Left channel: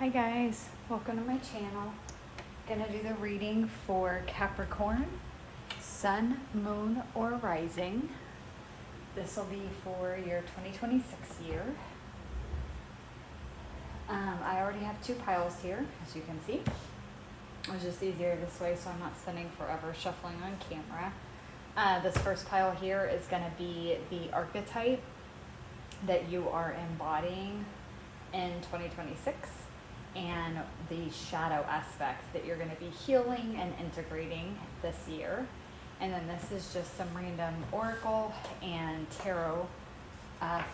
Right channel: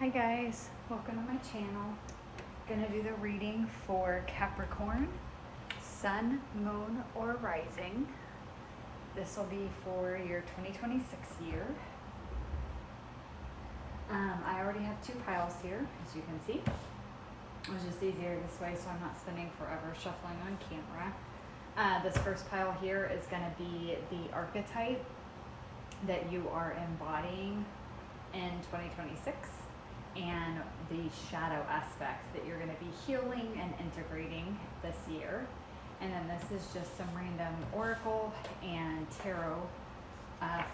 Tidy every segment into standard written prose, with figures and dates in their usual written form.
Hi guys, welcome to my channel. Gonna do the reading for Capricorn, Sun, Moon, or Rising. This will be for your 2026 year. I already have two piles here, as you can see. It was just easier this way, so I'm not spending forever shuffling on camera. This first pile here is gonna be the archetype that you are embodying in 2026. And the shadow aspect that you're going to be healing and integrating this year. And then this is just some random oracle and tarot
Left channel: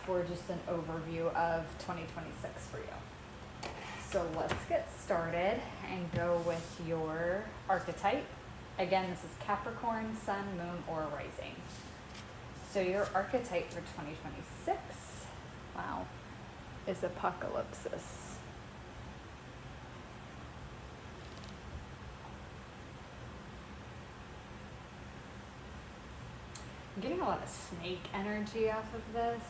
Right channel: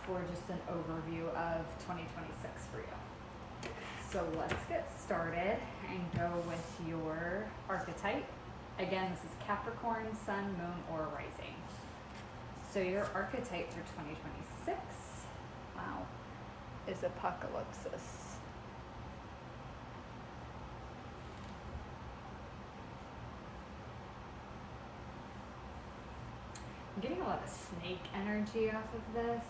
for just an overview of 2026 for you. So let's get started and go with your archetype. Again, this is Capricorn, Sun, Moon, or Rising. So your archetype for 2026, wow, is Apocalypsis. I'm getting a lot of snake energy off of this.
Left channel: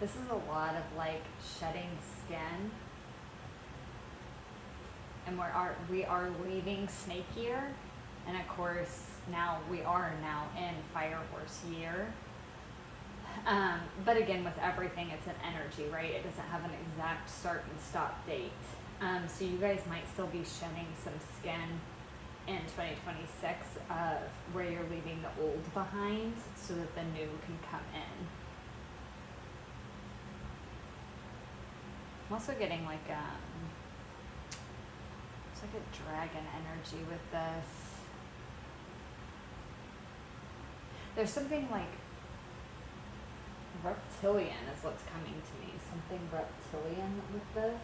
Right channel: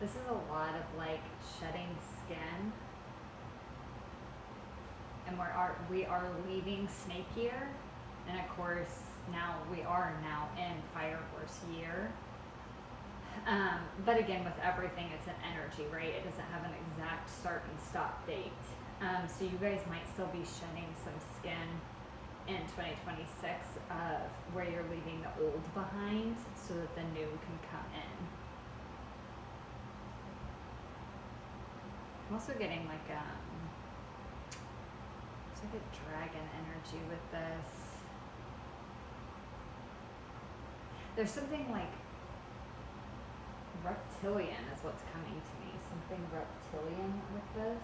This is a lot of like shedding skin. And we are leaving snake year. And of course, we are now in fire horse year. But again, with everything, it's an energy, right? It doesn't have an exact start and stop date. So you guys might still be shedding some skin in 2026 of where you're leaving the old behind so that the new can come in. I'm also getting like it's like a dragon energy with this. There's something like reptilian is what's coming to me. Something reptilian with this.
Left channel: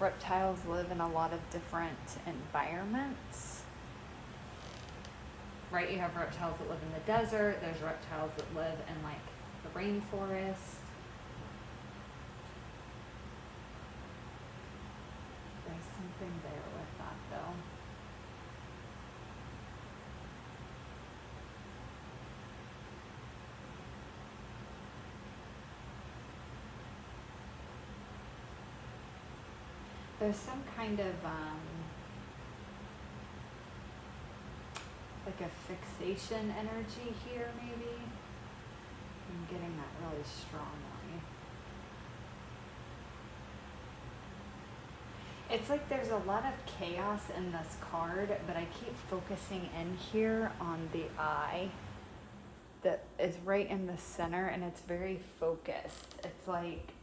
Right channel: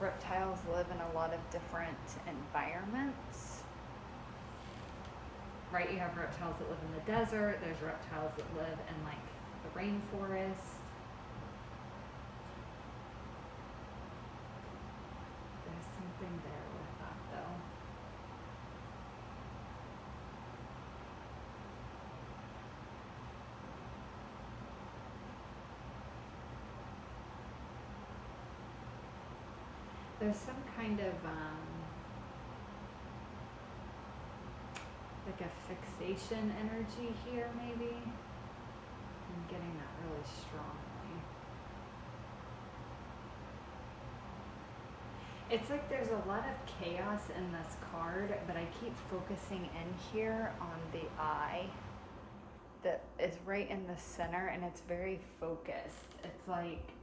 Reptiles live in a lot of different environments, right? You have reptiles that live in the desert. There's reptiles that live in like the rainforest. There's something there with that though. There's some kind of like a fixation energy here, maybe. I'm getting that really strongly. It's like there's a lot of chaos in this card, but I keep focusing in here on the eye that is right in the center, and it's very focused. It's like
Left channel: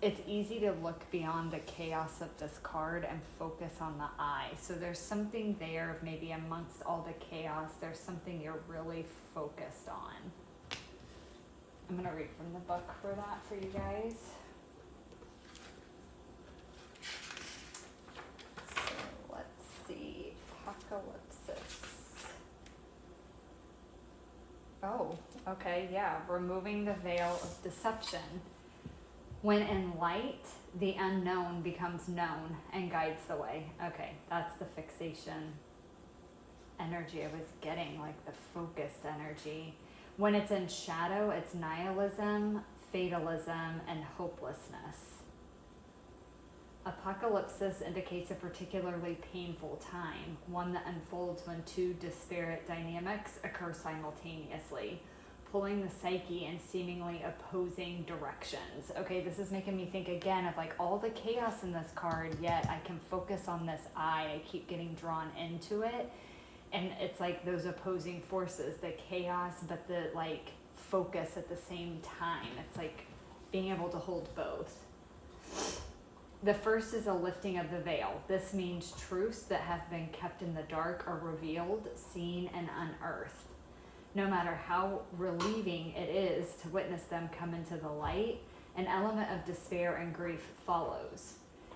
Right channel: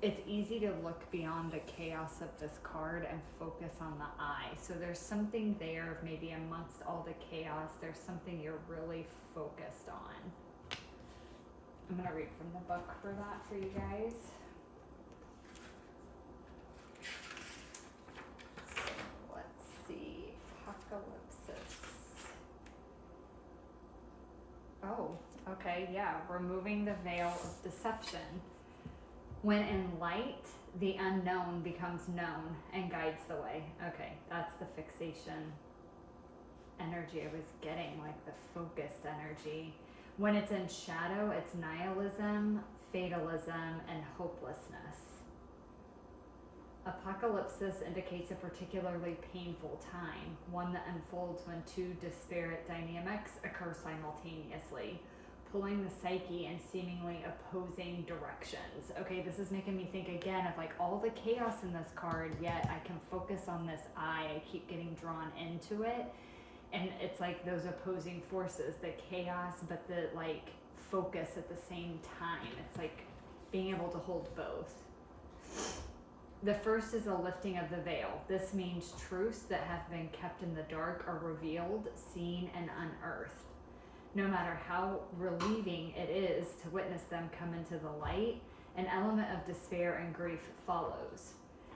it's easy to look beyond the chaos of this card and focus on the eye. So there's something there of maybe amongst all the chaos, there's something you're really focused on. I'm gonna read from the book for that for you guys. So let's see, Apocalypsis. Oh, okay, yeah, removing the veil of deception. When in light, the unknown becomes known and guides the way. Okay, that's the fixation energy I was getting, like the focused energy. When it's in shadow, it's nihilism, fatalism, and hopelessness. Apocalypsis indicates a particularly painful time, one that unfolds when two disparate dynamics occur simultaneously, pulling the psyche in seemingly opposing directions. Okay, this is making me think again of like all the chaos in this card, yet I can focus on this eye. I keep getting drawn into it. And it's like those opposing forces, the chaos, but the like focus at the same time. It's like being able to hold both. The first is a lifting of the veil. This means truths that have been kept in the dark are revealed, seen, and unearthed. No matter how relieving it is to witness them come into the light, an element of despair and grief follows.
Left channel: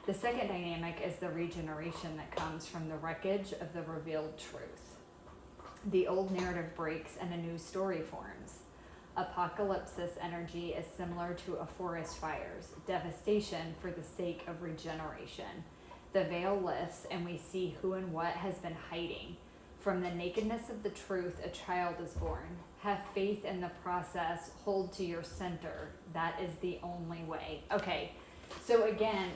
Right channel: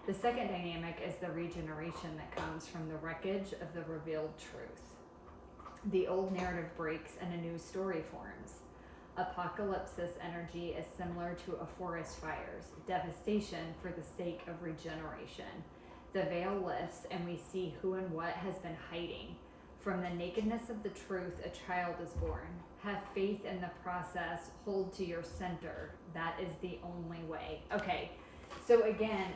The second dynamic is the regeneration that comes from the wreckage of the revealed truth. The old narrative breaks and a new story forms. Apocalypsis energy is similar to a forest fire's devastation for the sake of regeneration. The veil lifts and we see who and what has been hiding. From the nakedness of the truth, a child is born. Have faith in the process. Hold to your center. That is the only way. Okay, so again,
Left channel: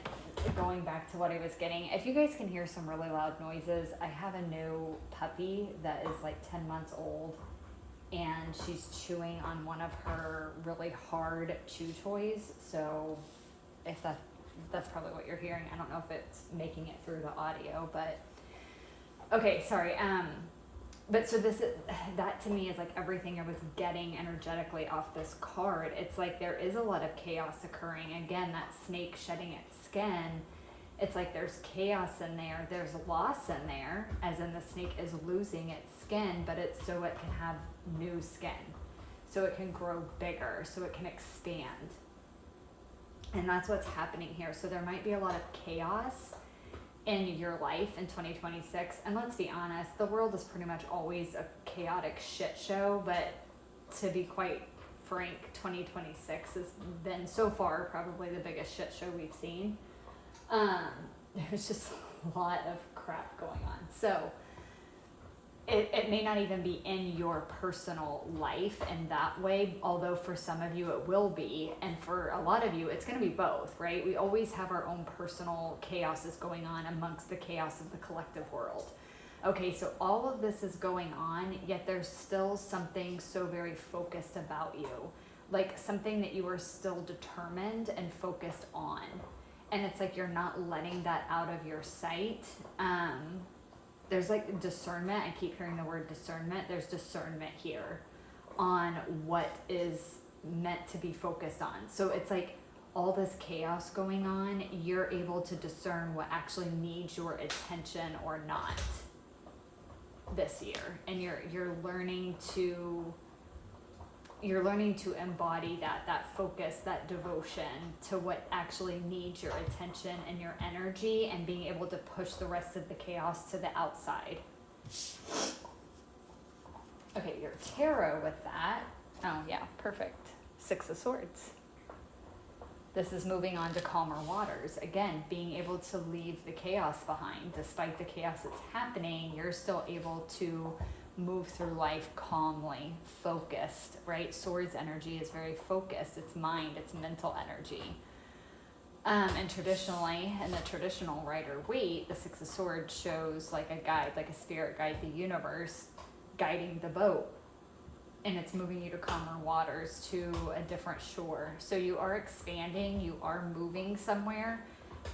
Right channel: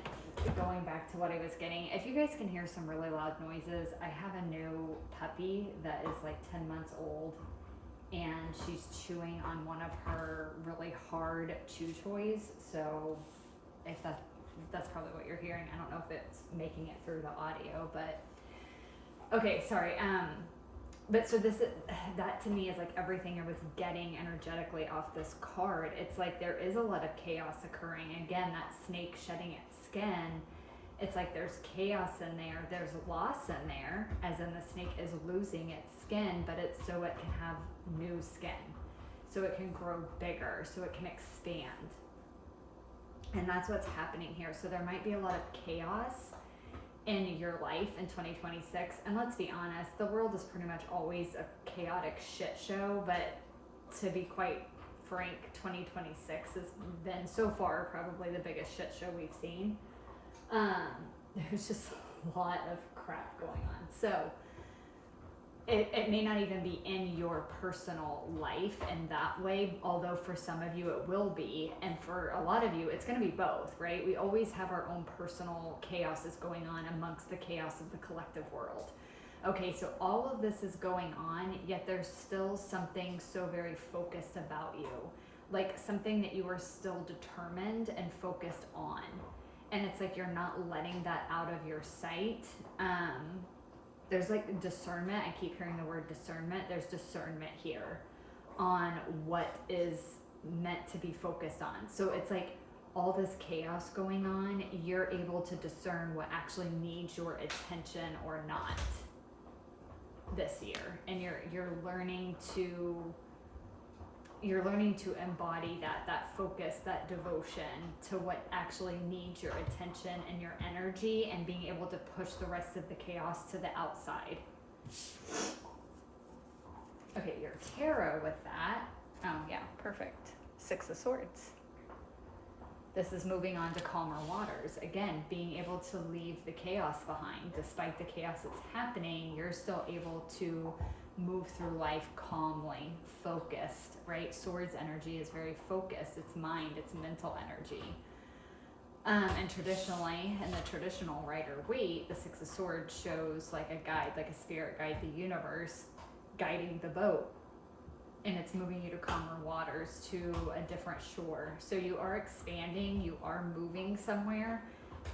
going back to what I was getting, if you guys can hear some really loud noises, I have a new puppy that is like 10 months old, and she's chewing on one of her really hard chew toys. So if that's probably what you're hearing. I don't know if it's making it through the audio, but okay, sorry. But so that to me is like everything I was getting energetically off this card. It's like there is a lot of chaos occurring. Again, that snake shedding its skin. It's like there's chaos in there. There's loss in there, as in the snake is losing its skin, but it's so it can have new skin. So it can grow bigger, so it can expand. And that's what's happening here. So there might be a lot of chaos in your life in 2026. And let's be honest, the world is pretty much always a chaotic shit show. But to be quite frank, 2026 has been so far probably the biggest shit show we've seen. There's just a lot of crap going on. So it may not even be in your personal life in that way, although for some of you it will be, and for a lot of you it's going to be both, right? We always have our own personal chaoses going on amongst the chaos of the collective world. Okay, so all of this is going on, yet there's still something so very focused about you, like something that you are still determined and focused on, and it's like you're not letting that out of your sight. There's like discernment. I keep hearing the word discernment. There's discernment here on what is meant to be focused on. So it's like all this chaos going on, you're able to discern what actually needs your attention or not this year. And you're learning to embody that focus, that devotion to what actually needs your attention and your energy, and being able to push the rest of the chaos to the outside. Okay, your tarot with that. Oh yeah, perfect. 6 of Swords. This is moving on to calmer waters. Again, being able to leave the chaos behind. Despite the chaos that's happening, you're still able to move through life calmly, focused, right? Swords energy is very focused. It's mind, it's mental energy. And traditionally, in the traditional Rider-Waite, the 6 of Swords shows like a guide, like a spirit guide, the universe guiding the boat. And it's moving you to calmer waters, to a different shore. So you are expanding, you are moving somewhere,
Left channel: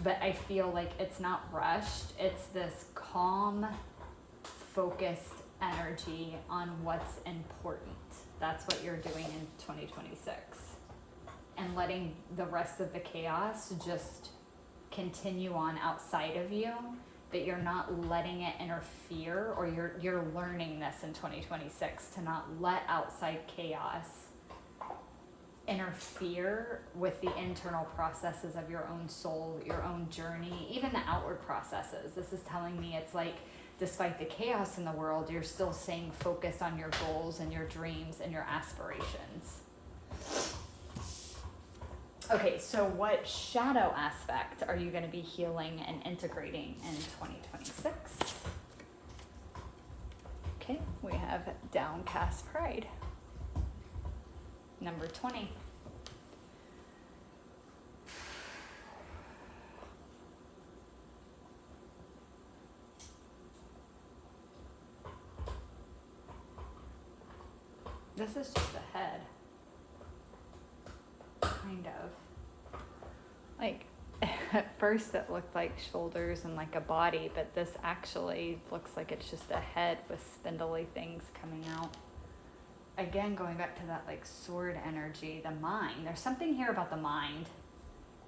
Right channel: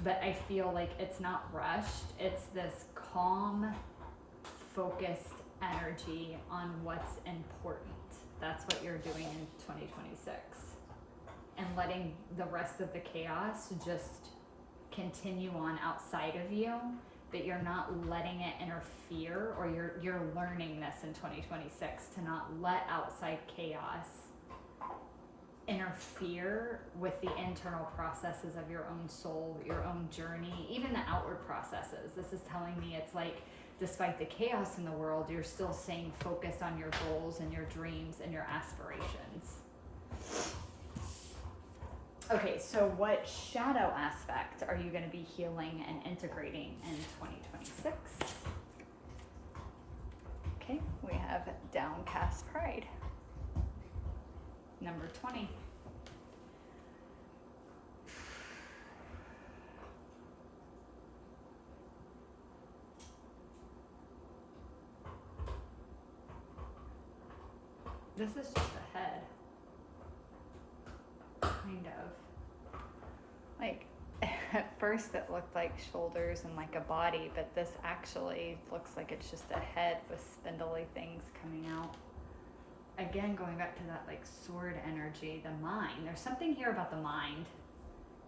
but I feel like it's not rushed. It's this calm, focused energy on what's important. That's what you're doing in 2026. And letting the rest of the chaos just continue on outside of you, that you're not letting it interfere, or you're learning this in 2026 to not let outside chaos interfere with the internal processes of your own soul, your own journey, even the outward processes. This is telling me it's like, despite the chaos in the world, you're still staying focused on your goals and your dreams and your aspirations. Okay, so what shadow aspect are you going to be healing and integrating in 2026? Okay, we have downcast pride. Number 20. This is just the head. Kind of. Like, at first it looked like shoulders and like a body, but this actually looks like it's just a head with spindly things coming out. Again, going back to that like sword energy, the mind. There's something here about the mind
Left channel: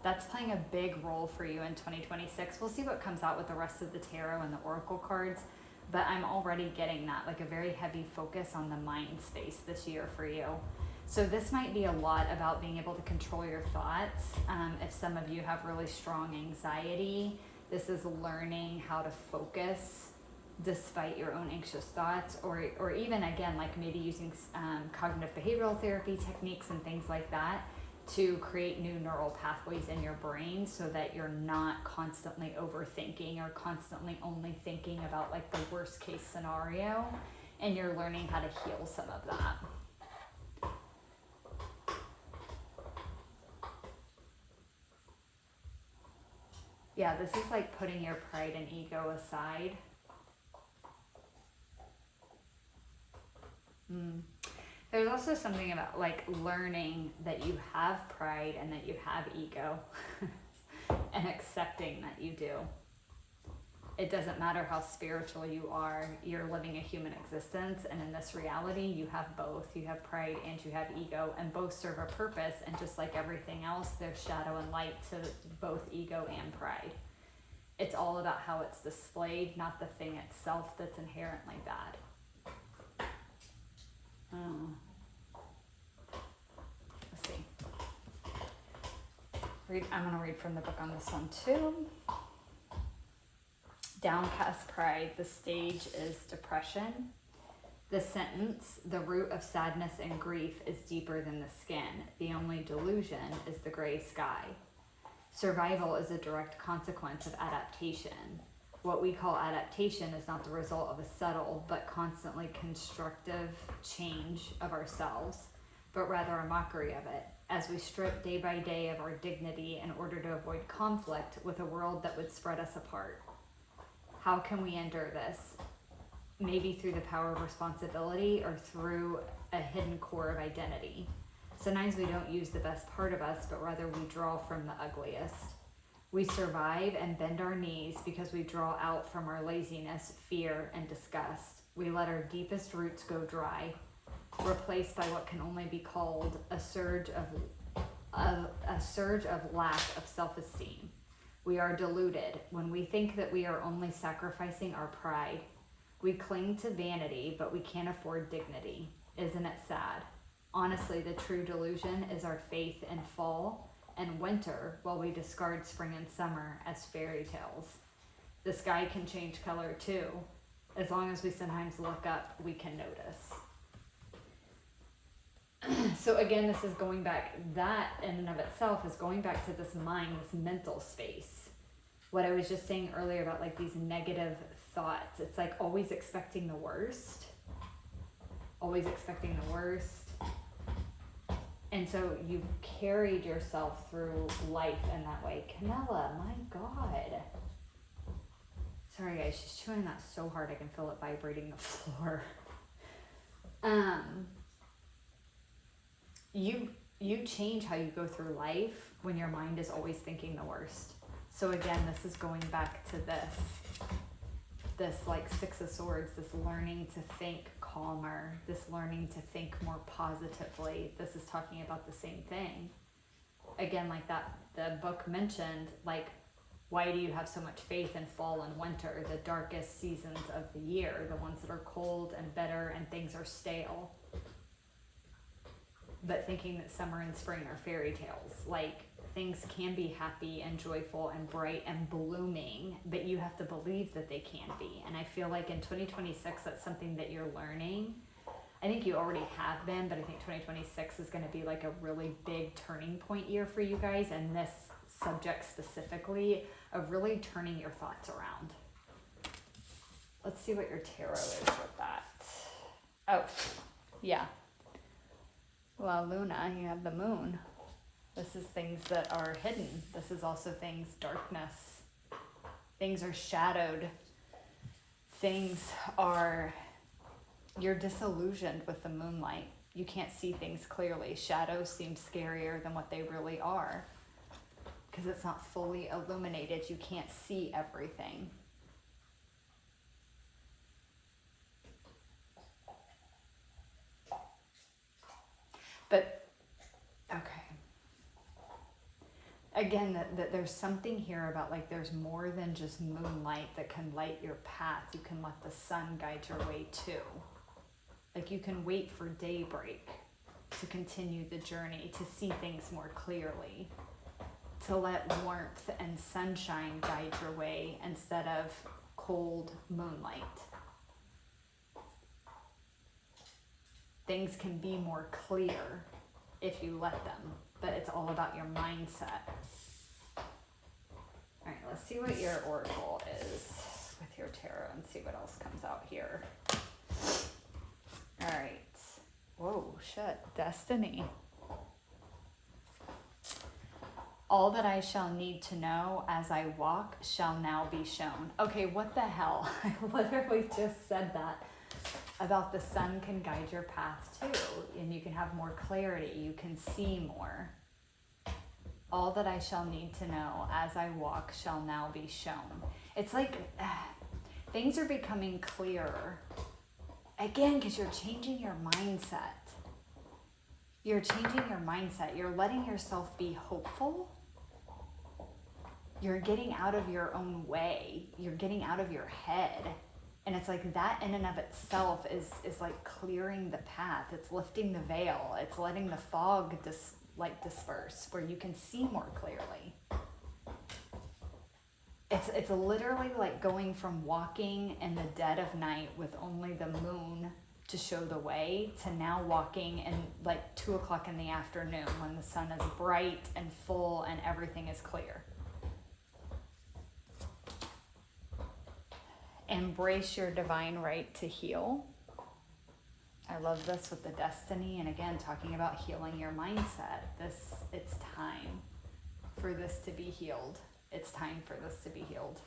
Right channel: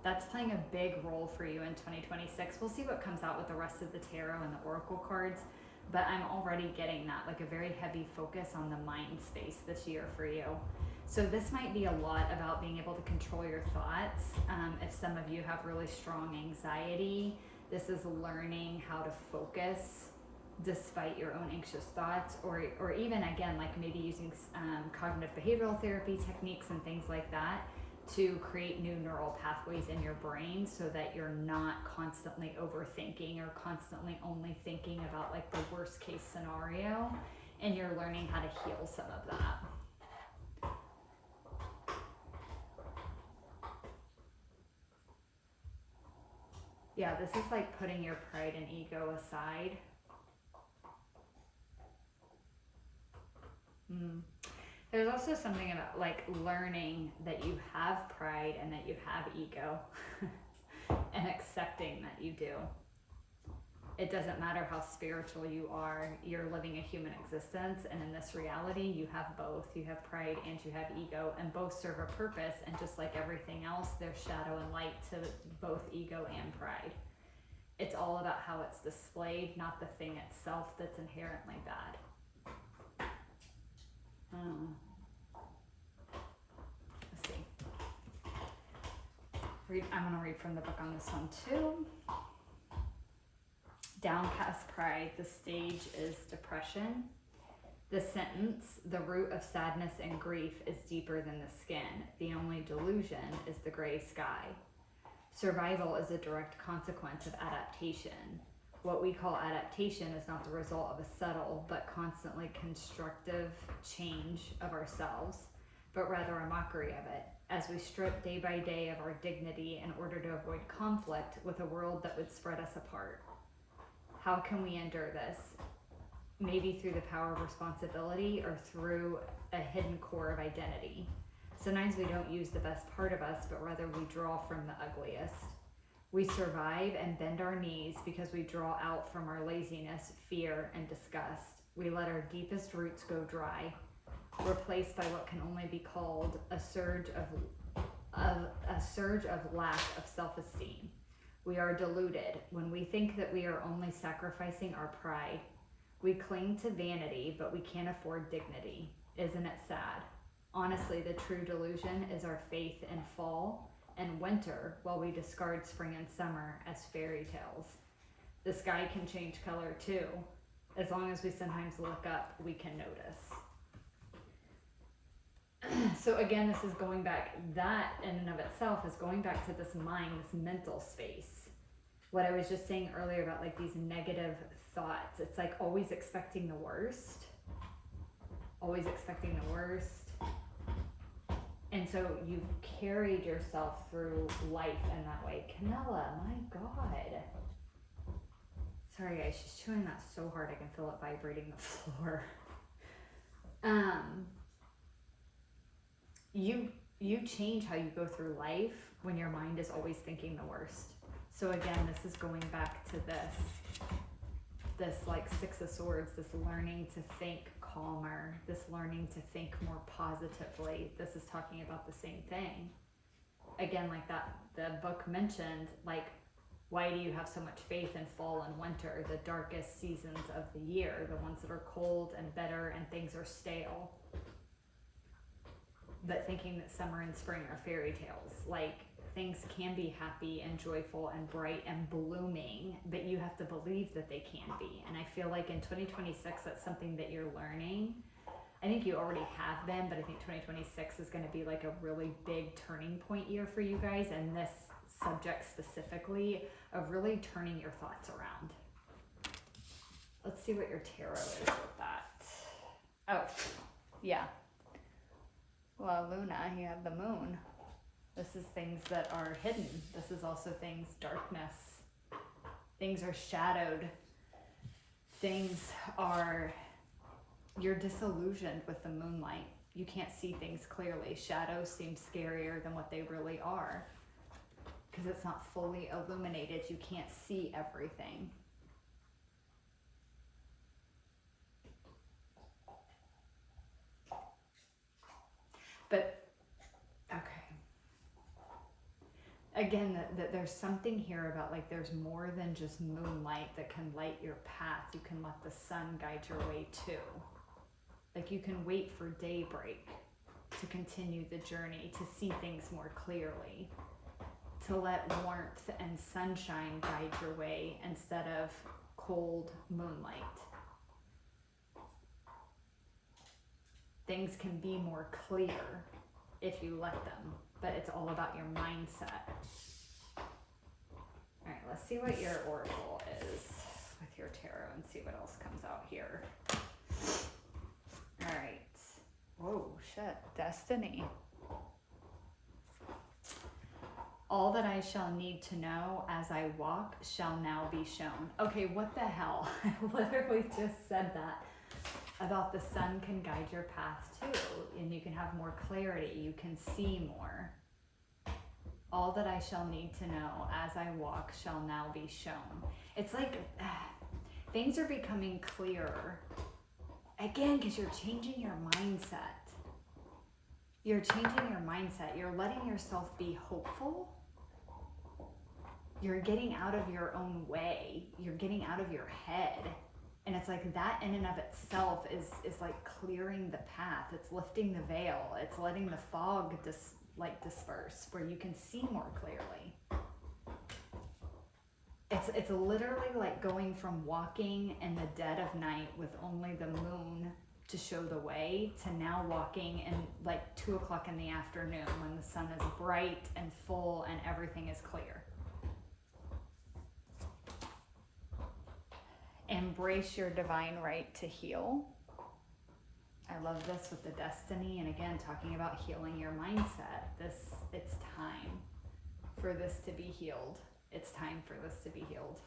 that's playing a big role for you in 2026. We'll see what comes out with the rest of the tarot and the oracle cards, but I'm already getting that, like a very heavy focus on the mind space this year for you. So this might be a lot about being able to control your thoughts. If some of you have really strong anxiety, this is learning how to focus despite your own anxious thoughts, or even again, like maybe using cognitive behavioral therapy techniques and things like that to create new neural pathways in your brain so that you're not constantly overthinking or constantly only thinking about like the worst case scenario, and you're learning how to heal some of that. Yeah, this is like putting your pride and ego aside. There's also something about like learning that you have pride and that you have ego and accepting that you do. It doesn't matter how spiritual you are, you're living a human existence, and in this reality you have both. You have pride and you have ego, and both serve a purpose, and just like everything else, there's shadow and light to both ego and pride. It's all about how it's displayed, not the thing itself that's inherently bad. Let's see. I'm going to read from the book on this one too. Downcast pride, the stage is depression. The sentence, the root of sadness and grief is deeper than the skin. The only delusion is the gray sky. Survival is a direct consequence of adaptation. What we call adaptation is not the result of a subtle but constantly constructive change of ourselves, but rather a mockery of it, as we strip day by day of our dignity in order to avoid conflict with a world that would spread us apart. How can we endure this? Maybe through the power of responsibility or through a hidden core of identity. Sometimes we don't use the best part of us, but rather we draw from the ugliest. We survive and bend our knees because we draw out from our laziness, fear, and disgust. We let our deepest roots go dry, replaced by what can only be called a surge of lack of self-esteem. We are deluded when we think that we are only sacrificing our pride. We cling to vanity, but we can't afford dignity. Isn't it sad? Honestly, the true delusion is our faith in fall and winter, while we discard spring and summer as fairy tales. The sky can change color too. As long as we sometimes look up, we can notice. So again, this is going back, that in and of itself is going back to this mind, this mental space. What I was just saying earlier about like these negative thoughts, it's like always expecting the worst. Always expecting the worst. And so you've carried yourself through life in that way. Canella, my God. Sorry guys, she's chewing that so hard I can feel it vibrating the floor. You change how you go through life when your mind is always thinking the worst. So again, this is going back to this like Six of Swords, this learning to think calmer, this learning to think more positively. This is talking about the same thing. Again, like that, the book mentioned, like, why do you have so much faith in fall and winter, the darkest seasons of the year, the ones that are cold and bitter and things are stale? But thinking that summer and spring are fairy tales, like things can be happy and joyful and bright and blooming, but you have to believe that they can be. And I feel like in 2026, that's something that you're learning. I think you already have been, but I think 2026 is going to be like a really big turning point year for you guys, and this subject specifically of really turning your thoughts around. Let's see what your tarot is with that. Oh, yeah. Well, Luna, you have the moon. This is things that are hidden. This is also things, darkness. Things are shadowed. You're disillusioned with the moonlight. You can't see things clearly. Shadows seem scarier than what they really are because it's not fully illuminated. You can't see everything. But, okay. Again, that there's something here about like there's more than just moonlight that can light your path. You can let the sun guide your way too. Like you can wait for daybreak to continue the journey, to see things more clearly, to let warmth and sunshine guide your way instead of cold moonlight. Things can be more clear if you let them, but it's all about your mindset. All right, let's see what your oracle is with your tarot and see what else comes out here. All right. Whoa, shit. Destiny. All that I shall need to know as I walk shall now be shown. Okay, what the hell? I literally just said that about the sun can guide your path too, and you can have more clarity, you can see more. All that I shall need to know as I walk shall now be shown. It's like things are becoming clearer. Again, because you're changing your mindset. You're changing your mindset. You're letting yourself be hopeful. You're getting out of your own way. You're getting out of your head. And it's like that in and of itself is like clearing the path. It's lifting the veil. It's letting the fog disperse where you can see more clearly. It's literally like going from walking in the dead of night with only the moon to show the way to now walking in like 2 o'clock in the afternoon when the sun is bright and full and everything is clear. Embrace your divine right to heal. I love this with the destiny, and again, talking about healing your mindset. It's time for this to be healed. It's time for this to be healed.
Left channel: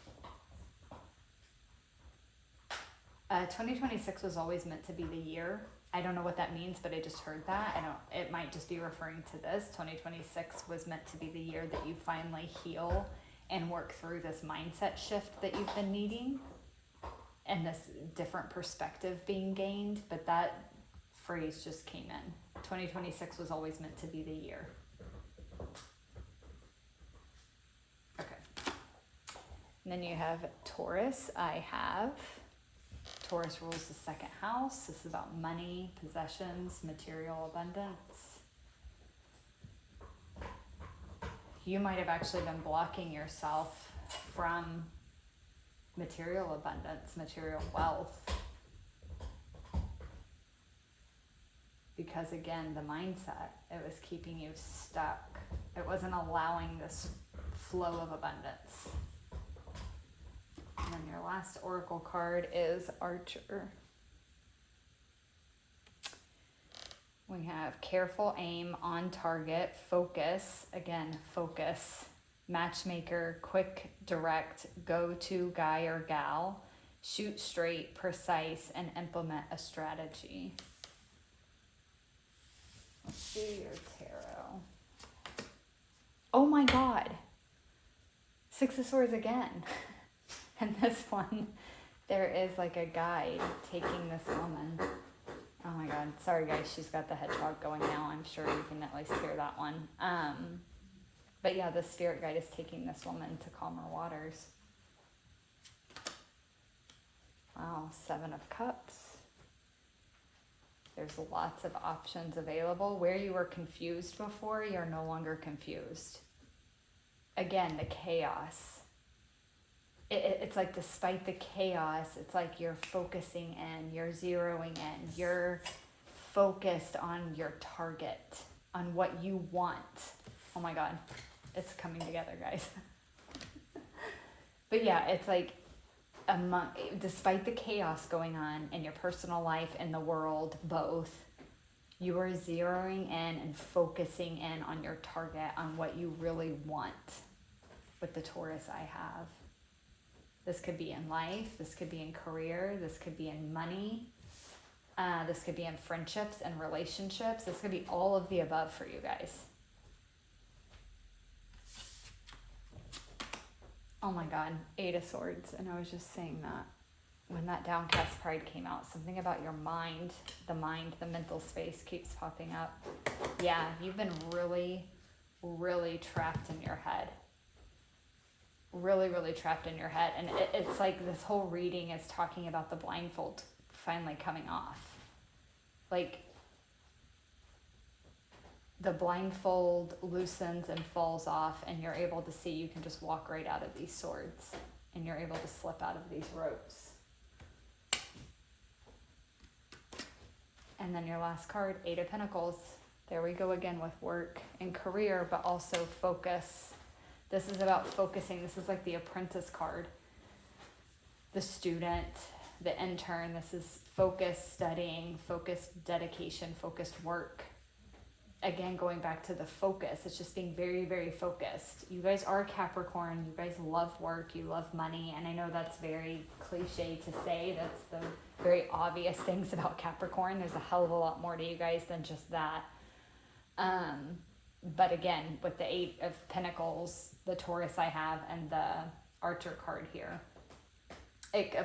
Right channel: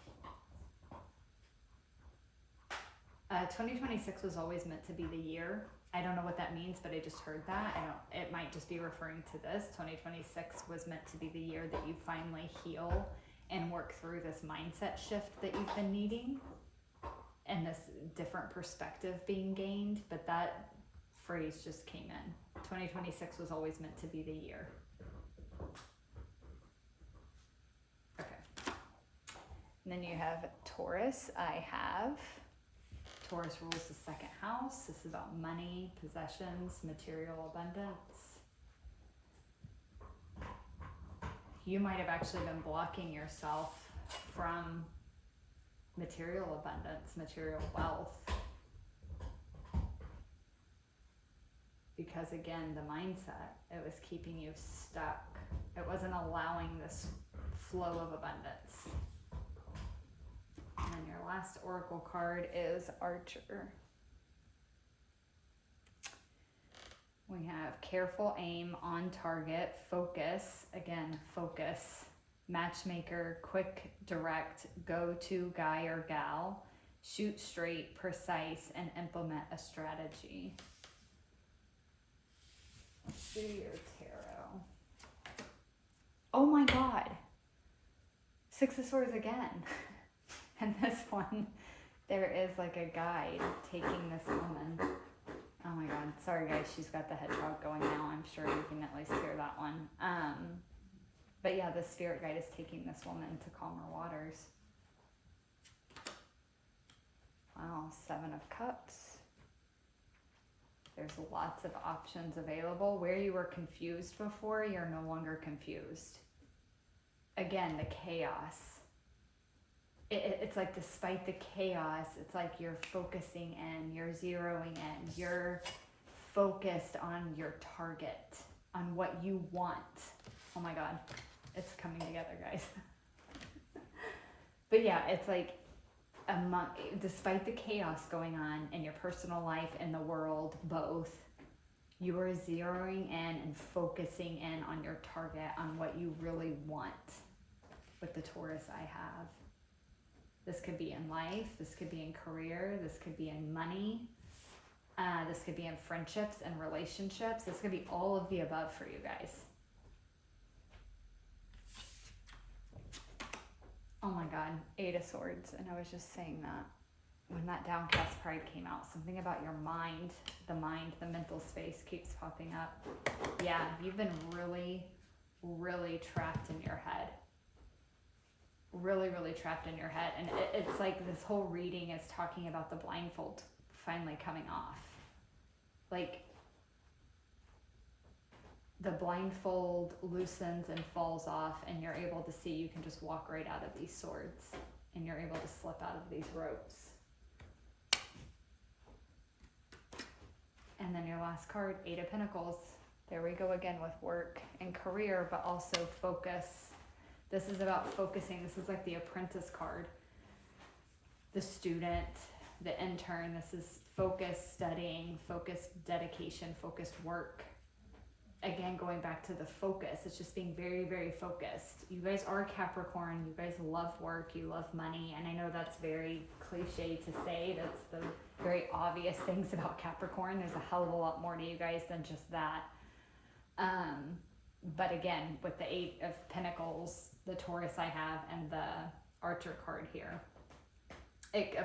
2026 was always meant to be the year. I don't know what that means, but I just heard that. It might just be referring to this. 2026 was meant to be the year that you finally heal and work through this mindset shift that you've been needing. And this different perspective being gained, but that phrase just came in. 2026 was always meant to be the year. Okay. And then you have Taurus. Taurus rules the second house. This is about money, possessions, material abundance. You might have actually been blocking yourself from material abundance, material wealth. Because again, the mindset, it was keeping you stuck. It wasn't allowing this flow of abundance. And then your last oracle card is Archer. We have careful aim, on target, focus. Again, focus. Matchmaker, quick, direct, go-to guy or gal, shoot straight, precise, and implement a strategy. Let's do your tarot. Oh my God. 6 of Swords again. And this one, there is like a guide taking this woman. Oh my God. Sorry guys, she's got the hedgehog going now. I'm sure you can at least hear that one. But yeah, the spirit guide is taking this woman to calmer waters. Wow, 7 of Cups. There's lots of options available. Where you were confused before, you're no longer confused. Again, the chaos. It's like despite the chaos, it's like you're focusing in, you're zeroing in, you're focused on your target, on what you want. Oh my God. It's coming together, guys. But yeah, it's like despite the chaos going on in your personal life and the world, both, you are zeroing in and focusing in on your target, on what you really want with the Taurus I have. This could be in life, this could be in career, this could be in money, this could be in friendships and relationships. This could be all of the above for you guys. Oh my God, 8 of Swords. And I was just saying that when that downcast pride came out, something about your mind, the mental space keeps popping up. Yeah, you've been really, really trapped in your head. Really, really trapped in your head. And it's like this whole reading is talking about the blindfold finally coming off. Like, the blindfold loosens and falls off, and you're able to see, you can just walk right out of these swords, and you're able to slip out of these ropes. And then your last card, 8 of Pentacles, There we go again with work and career, but also focus. This is about focusing. This is like the apprentice card. The student, the intern, this is focused studying, focused dedication, focused work. Again, going back to the focus, it's just being very, very focused. You guys are Capricorn, you guys love work, you love money, and I know that's very cliche to say, that's the very obvious things about Capricorn. There's a hell of a lot more to you guys than just that. But again, with the 8 of Pentacles, the Taurus I have, and the Archer card here,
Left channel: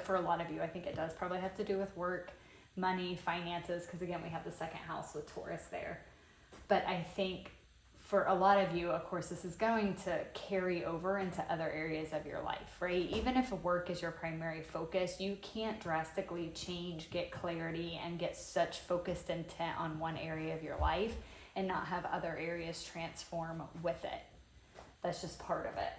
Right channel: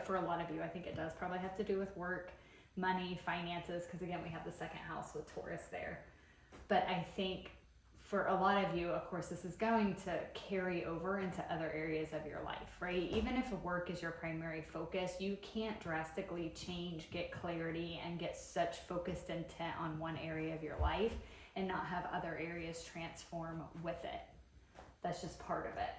for a lot of you, I think it does probably have to do with work, money, finances, because again, we have the 2nd house with Taurus there. But I think for a lot of you, of course, this is going to carry over into other areas of your life, right? Even if work is your primary focus, you can't drastically change, get clarity, and get such focused intent on one area of your life and not have other areas transform with it. That's just part of it.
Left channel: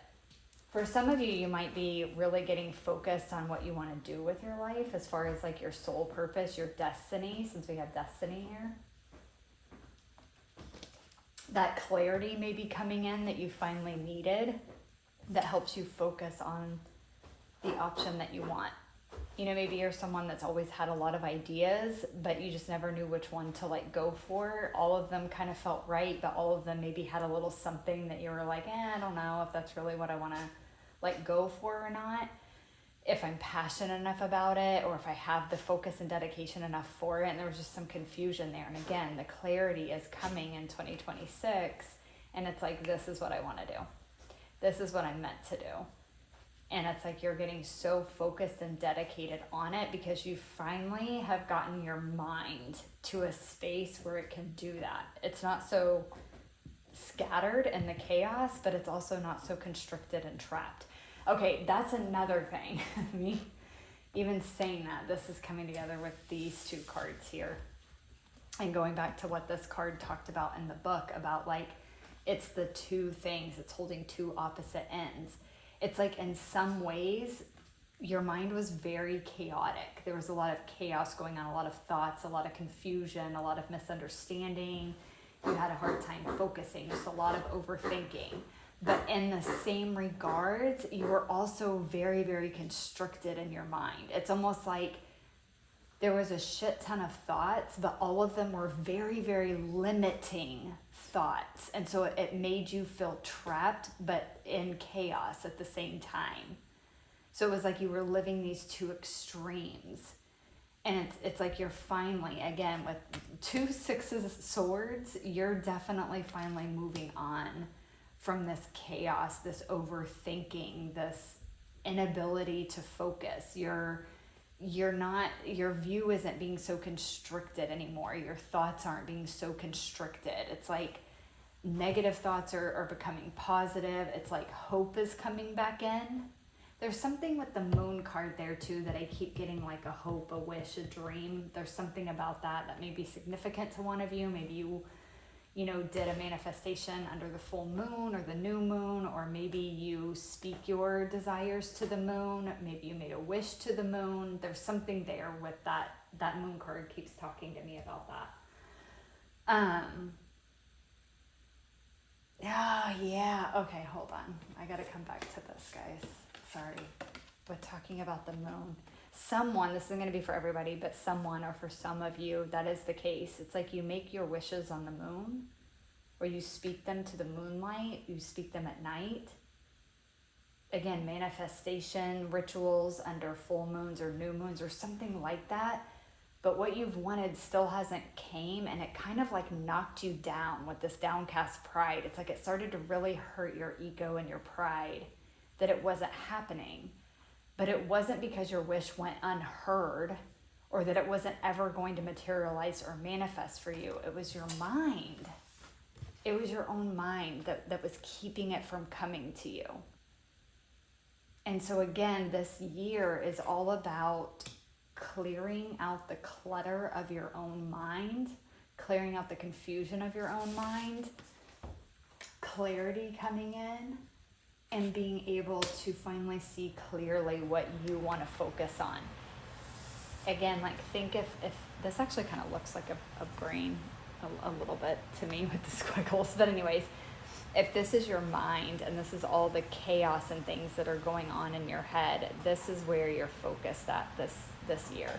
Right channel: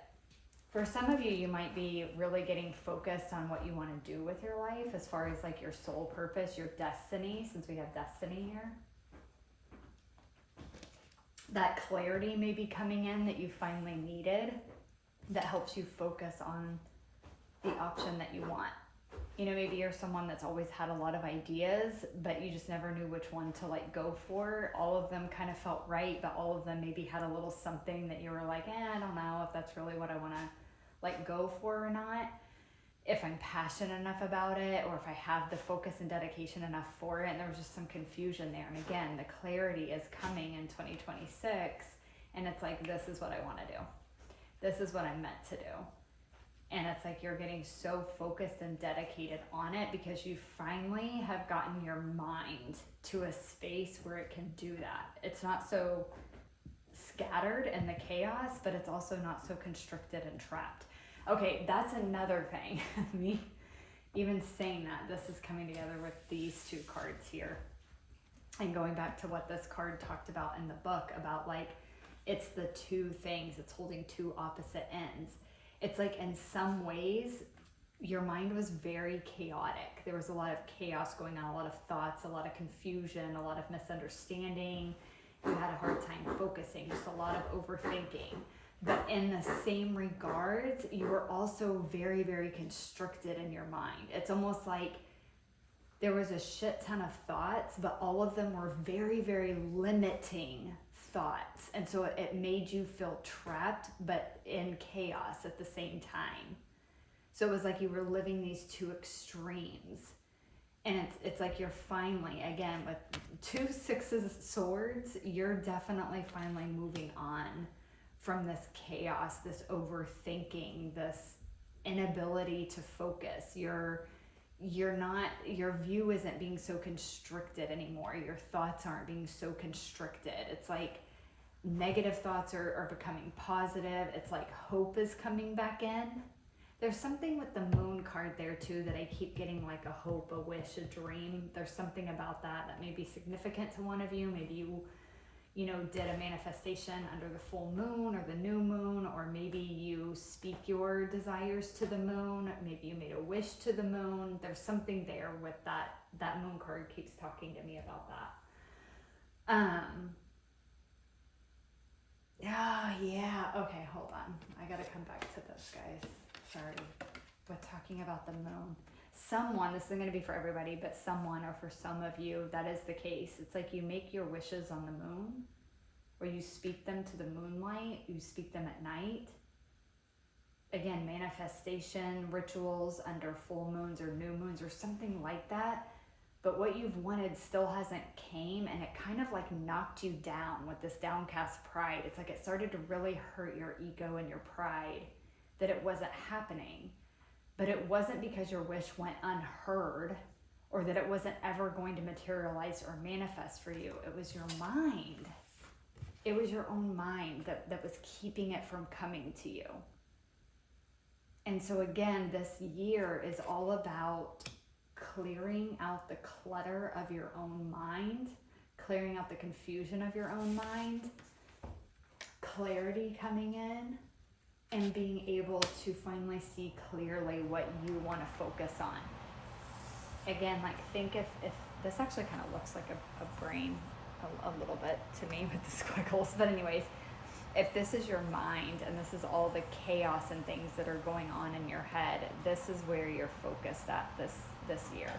For some of you, you might be really getting focused on what you want to do with your life as far as like your soul purpose, your destiny, since we have destiny here. That clarity may be coming in that you finally needed that helps you focus on the option that you want. You know, maybe you're someone that's always had a lot of ideas, but you just never knew which one to like go for. All of them kind of felt right, but all of them maybe had a little something that you were like, I don't know if that's really what I want to like go for or not. If I'm passionate enough about it, or if I have the focus and dedication enough for it. And there was just some confusion there. And again, the clarity is coming in 2026. And it's like, this is what I want to do. This is what I'm meant to do. And it's like you're getting so focused and dedicated on it because you finally have gotten your mind to a space where it can do that. It's not so scattered in the chaos, but it's also not so constricted and trapped. Okay, that's another thing. Me even saying that, this is coming together with these 2 cards here. And going back to what this card talked about in the book, about like, it's the 2 things, it's holding 2 opposite ends. It's like in some ways, your mind was very chaotic. There was a lot of chaos going on, a lot of thoughts, a lot of confusion, a lot of misunderstanding. You had a hard time focusing, just a lot of overthinking. But in the same regards, you were also very, very constricted in your mind. It's almost like there was a shit ton of thoughts, but all of them were very, very limiting thoughts. And so it made you feel trapped, but in chaos at the same time. So it was like you were living these 2 extremes. And it's like you're finally, again, with 2 sixes of swords, you're definitely finally moving on from this chaos, this overthinking, this inability to focus. Your view isn't being so constricted anymore. Your thoughts aren't being so constricted. It's like negative thoughts are becoming positive. It's like hope is coming back in. There's something with the moon card there too that I keep getting, like a hope, a wish, a dream. There's something about that may be significant to one of you. Maybe you know, did a manifestation under the full moon or the new moon, or maybe you speak your desires to the moon. Maybe you made a wish to the moon. There's something there with that moon card keeps talking to me about that. Yeah. Okay, hold on. I gotta come back to this, guys. Sorry. We're talking about the moon. Someone, this isn't going to be for everybody, but someone, or for some of you, that is the case. It's like you make your wishes on the moon, or you speak them to the moonlight, you speak them at night. Again, manifestation, rituals under full moons or new moons or something like that. But what you've wanted still hasn't came, and it kind of like knocked you down with this downcast pride. It's like it started to really hurt your ego and your pride that it wasn't happening. But it wasn't because your wish went unheard or that it wasn't ever going to materialize or manifest for you. It was your mind. It was your own mind that was keeping it from coming to you. And so again, this year is all about clearing out the clutter of your own mind, clearing out the confusion of your own mind, clarity coming in, and being able to finally see clearly what you want to focus on. Again, like think if this actually kind of looks like a brain. a little bit to me with the squiggles. But anyways, if this is your mind and this is all the chaos and things that are going on in your head, this is where you're focused at this year.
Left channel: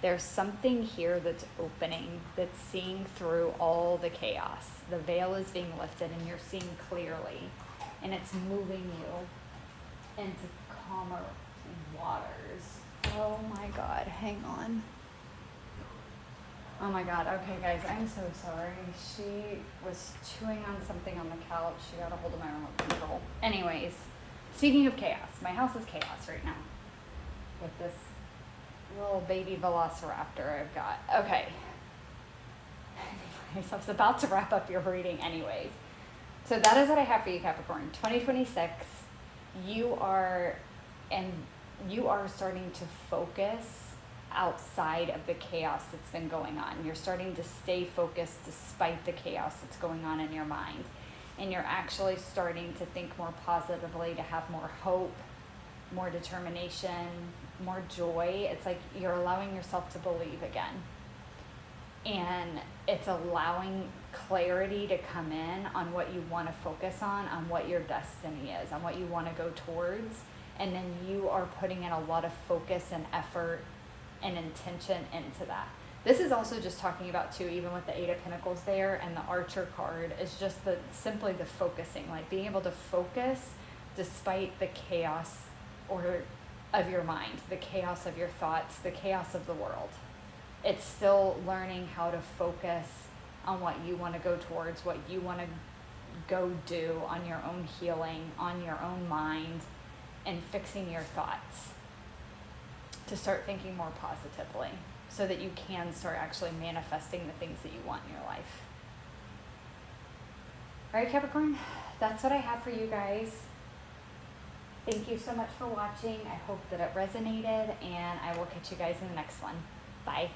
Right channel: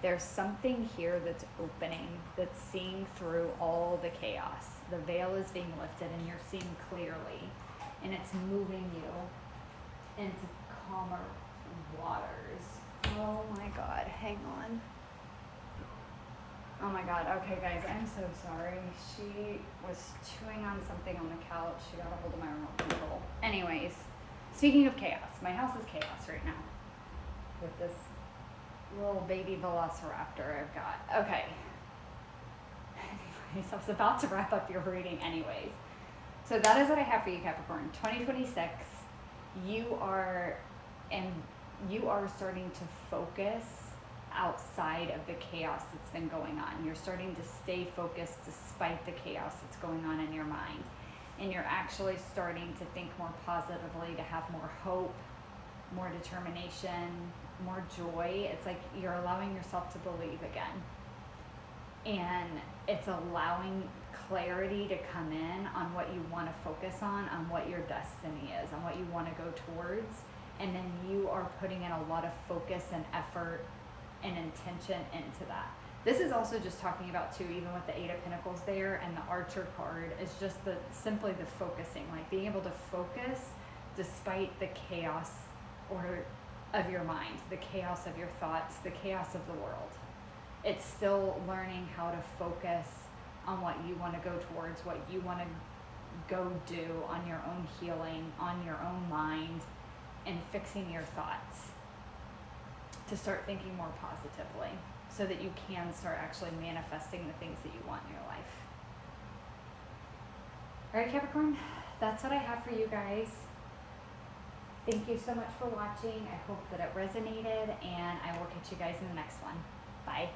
There's something here that's opening, that's seeing through all the chaos. The veil is being lifted and you're seeing clearly, and it's moving you into calmer waters. Oh my God, hang on. Oh my God, okay guys, I'm so sorry. She was chewing on something on the couch. She got a hold of my remote control. Anyways, speaking of chaos, my house is chaos right now with this little baby velociraptor I've got. Okay. Anyways, I was about to wrap up your reading anyways. So that is what I have for you, Capricorn. 2026, you are starting to focus outside of the chaos that's been going on. You're starting to stay focused despite the chaos that's going on in your mind. And you're actually starting to think more positively, to have more hope, more determination, more joy. It's like you're allowing yourself to believe again. And it's allowing clarity to come in on what you want to focus on what your destiny is, on what you want to go towards. And then you are putting in a lot of focus and effort and intention into that. This is also just talking about too, even with the Eight of Pentacles there and the Archer card, is just simply the focusing, like being able to focus despite the chaos of your mind, the chaos of your thoughts, the chaos of the world. It's still learning how to focus on what you want to go towards, what you want to go do on your own healing, on your own mind, and fixing your thoughts to start thinking more positively so that you can start actually manifesting the things that you want in your life. All right, Capricorn, that's what I have for you guys. Thank you so much for watching. I hope that it resonated, and I will catch you guys in the next one. Bye.